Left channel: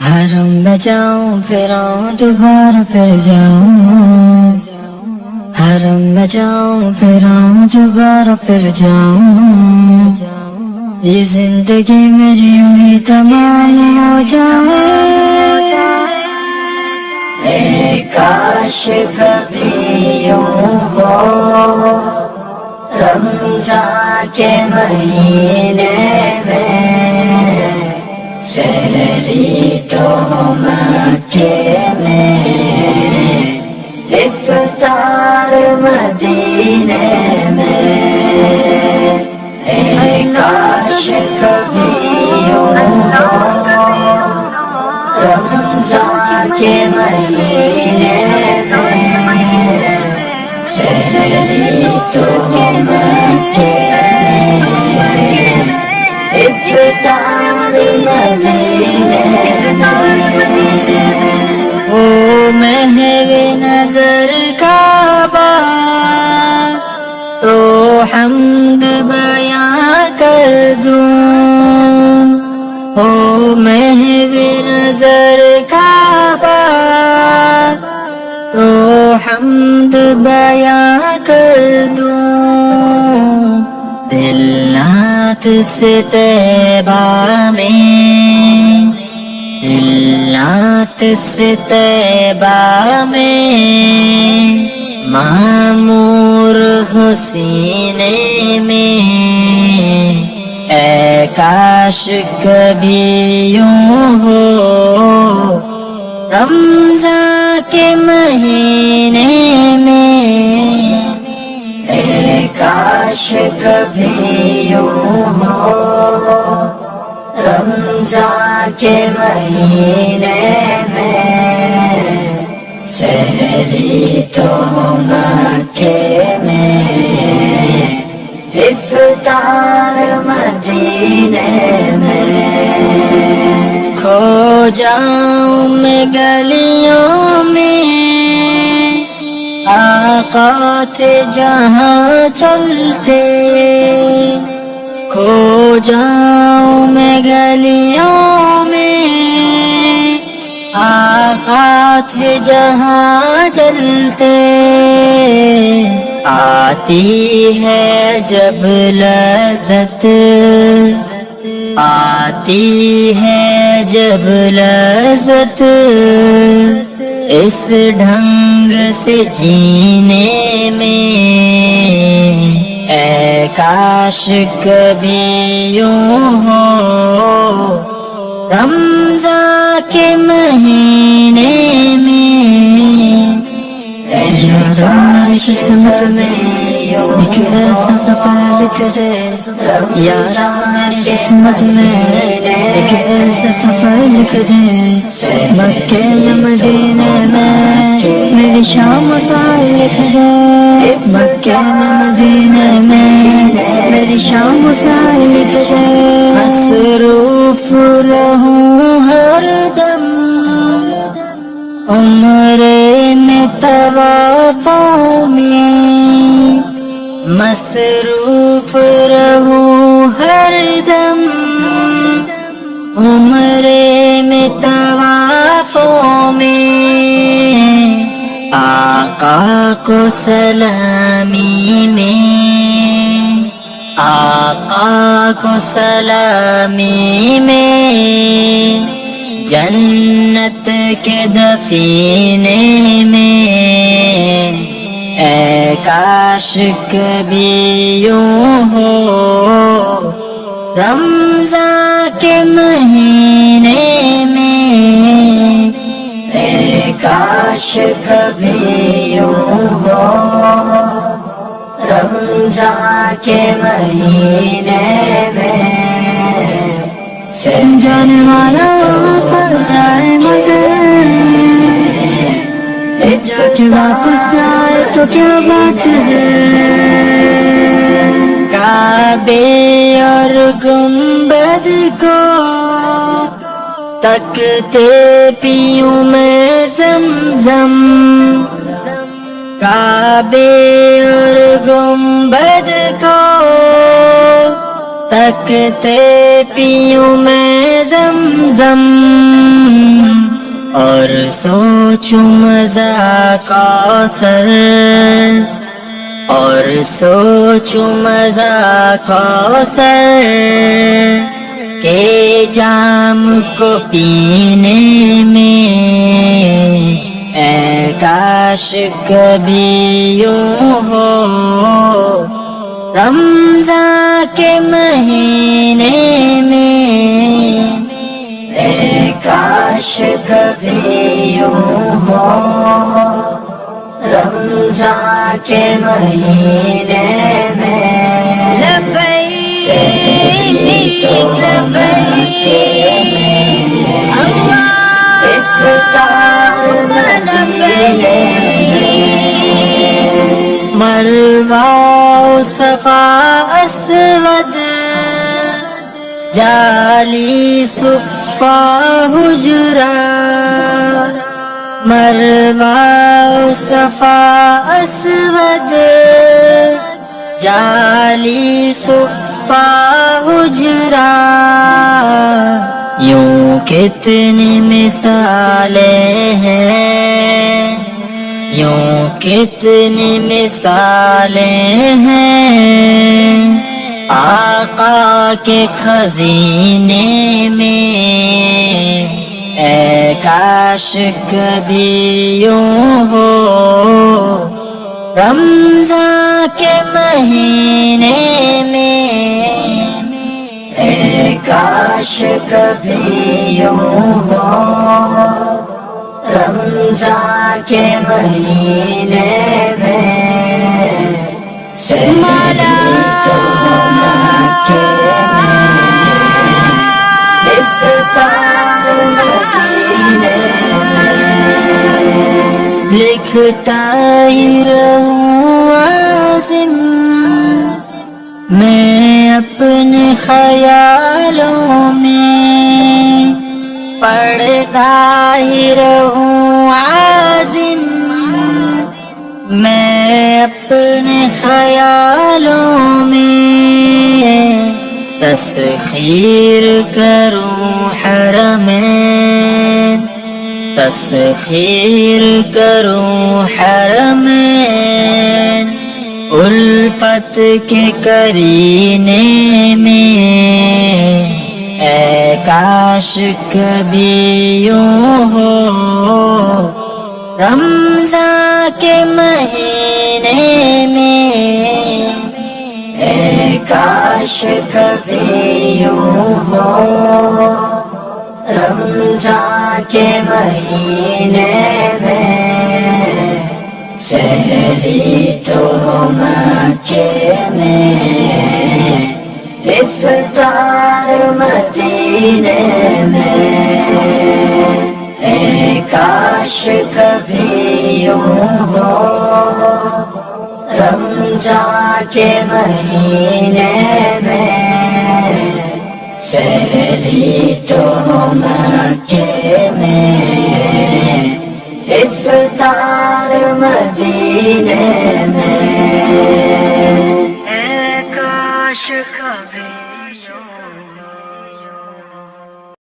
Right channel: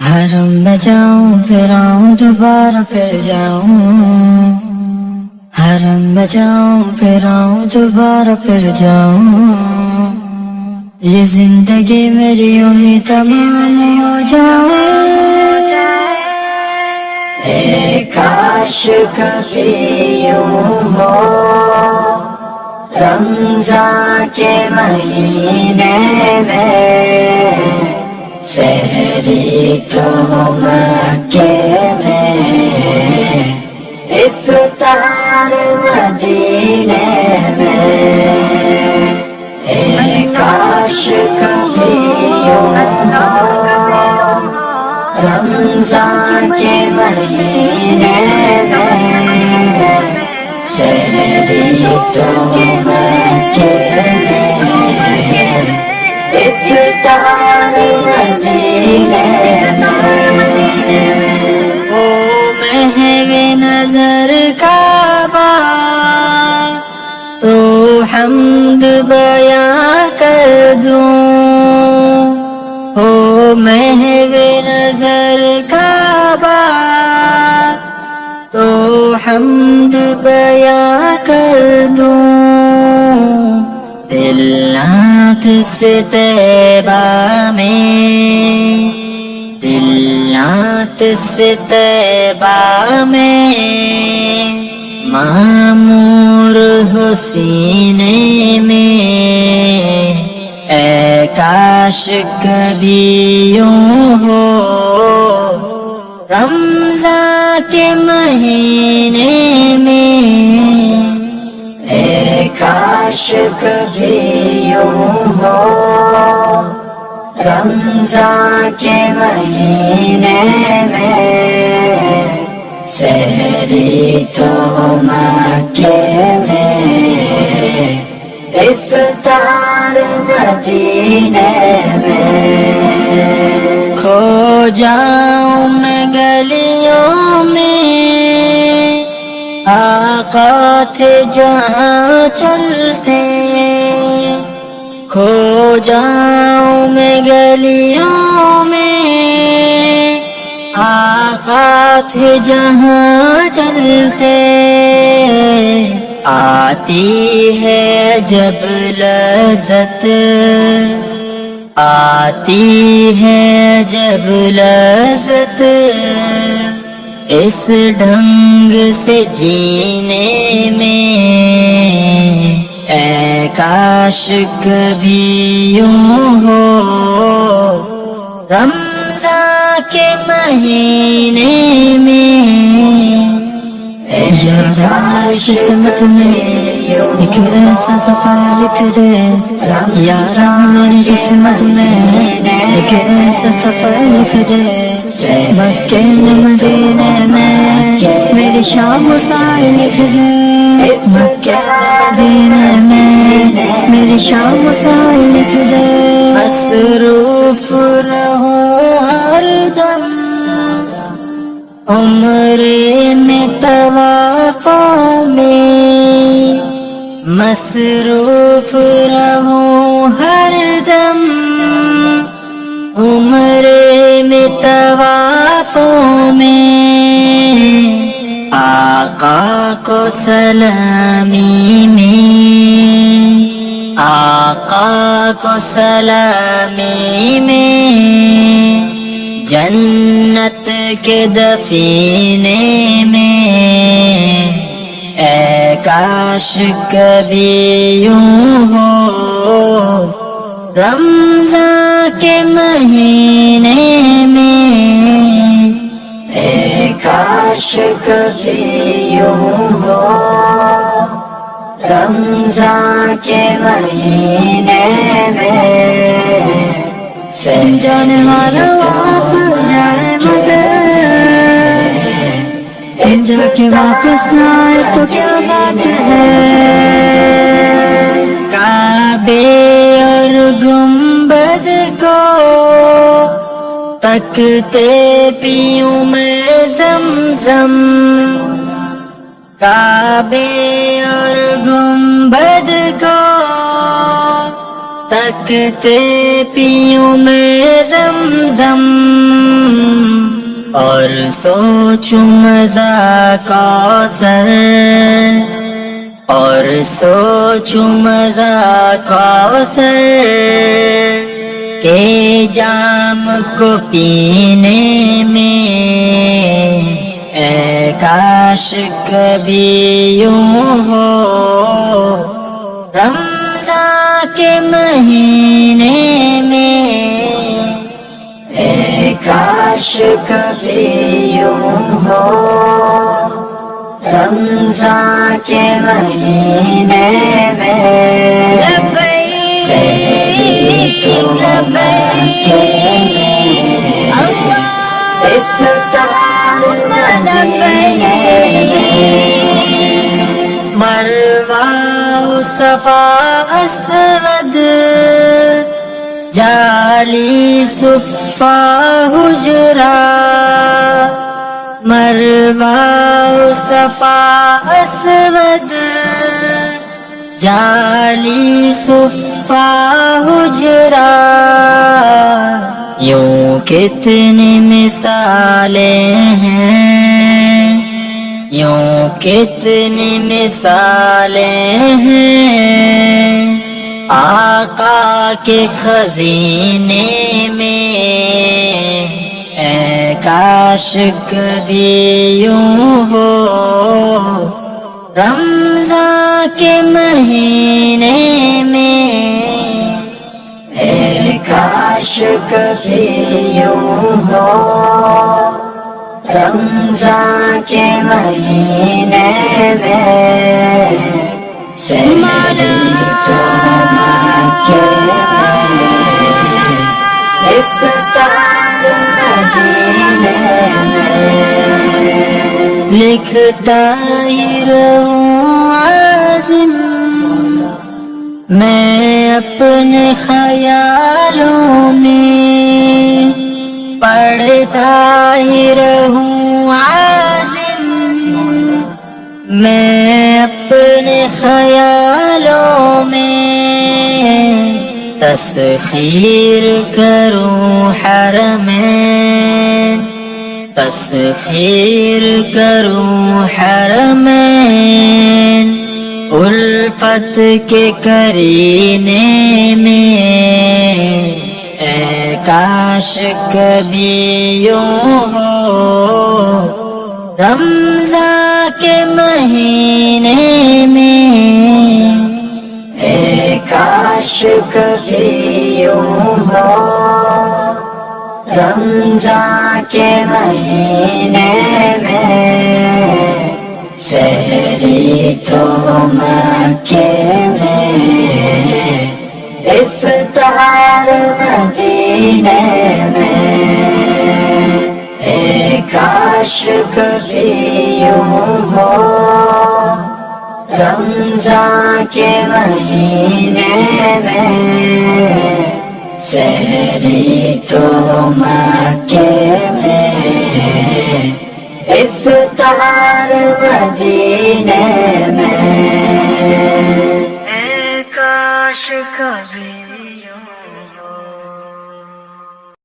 حرم میں جاؤں پھر آؤں دوبارہ پھر جاؤں، حرم میں جاؤں پھر آؤں دوبارہ پھر جاؤں، یہ زندگی میری یوں ہی تمام ہو جائے، اے کاش کبھی یوں ہو رمضان کے مہینے میں سحری تو مکے میں افطار مدینے میں، اے کاش کبھی یوں ہو رمضان کے مہینے میں سحری تو مکے میں افطار محو نظر کعبہ تو حمد بیاں کر دوں، او محو نظر کعبہ تو حمد بیاں کر دوں، دل نات سے طیبہ میں، دل نات سے طیبہ میں معمور حسینے میں، اے کاش کبھی یوں ہو رمضان کے مہینے میں، اے کاش کبھی یوں ہو رمضان کے مہینے میں سحری تو مکے میں افطار مدینے میں، کھو جاؤں میں گلیوں میں آقا تھے جہاں چلتے، کھو جاؤں میں گلیوں میں آقا تھے جہاں چلتے، آتی ہے جب لذت، آتی ہے جب لذت اس ڈھنگ سے جینے میں، اے کاش کبھی یوں ہو رمضان کے مہینے میں، اے قسمت میں ایک ایسا سفر لکھ دے یا رب میری قسمت میں ایک ایسا سفر لکھ دے، مکے میں مدینے میں میری شام و سحر لکھ دے، مکے میں مدینے میں میری شام و سحر لکھ دے، مصروف رہوں ہر دم عمرے میں طوافوں میں، مصروف رہوں ہر دم عمرے میں طوافوں میں، آقا کو سلامی میں، آقا کو سلامی میں جنت کے دفینے میں، اے کاش کبھی یوں ہو رمضان کے مہینے میں، اے کاش کبھی یوں ہو رمضان کے مہینے میں، جانے والا پڑ جائے مگر جا کے واپس نہ آئے تو کیا بات ہے، کعبے اور گنبد کو تکتے پیوں میں زمزم، کعبے اور گنبد کو تکتے پیوں میں زمزم، اور سوچوں مزہ کوثر، اور سوچوں مزہ کوثر کے جام کو پینے میں، اے کاش کبھی یوں ہو رمضان کے مہینے میں، اے کاش کبھی یوں ہو رمضان کے مہینے میں، لبیک مروہ صفا اسود جالی صفا حجرا، مروہ صفا اسود جالی صفا حجرا، یوں کتنی مثالیں ہیں، یوں کتنی مثالیں ہیں آقا کے خزینے میں، اے کاش کبھی یوں ہو رمضان کے مہینے میں، اے کاش کبھی یوں ہو رمضان کے مہینے میں، سحری تو مکے میں، افطار مدینے میں، لکھتا ہی رہوں عازم میں اپنے خیالوں میں، پڑھتا ہی رہوں عازم میں اپنے خیالوں میں، تسخیر کروں حرمین، تسخیر کروں حرمین الفت کے کرینے میں، اے کاش کبھی یوں ہو رمضان کے مہینے میں، اے کاش کبھی یوں ہو رمضان کے مہینے میں، سحری تو مکے میں، افطار مدینے میں، اے کاش کبھی یوں ہو رمضان کے مہینے میں، سحری تو مکے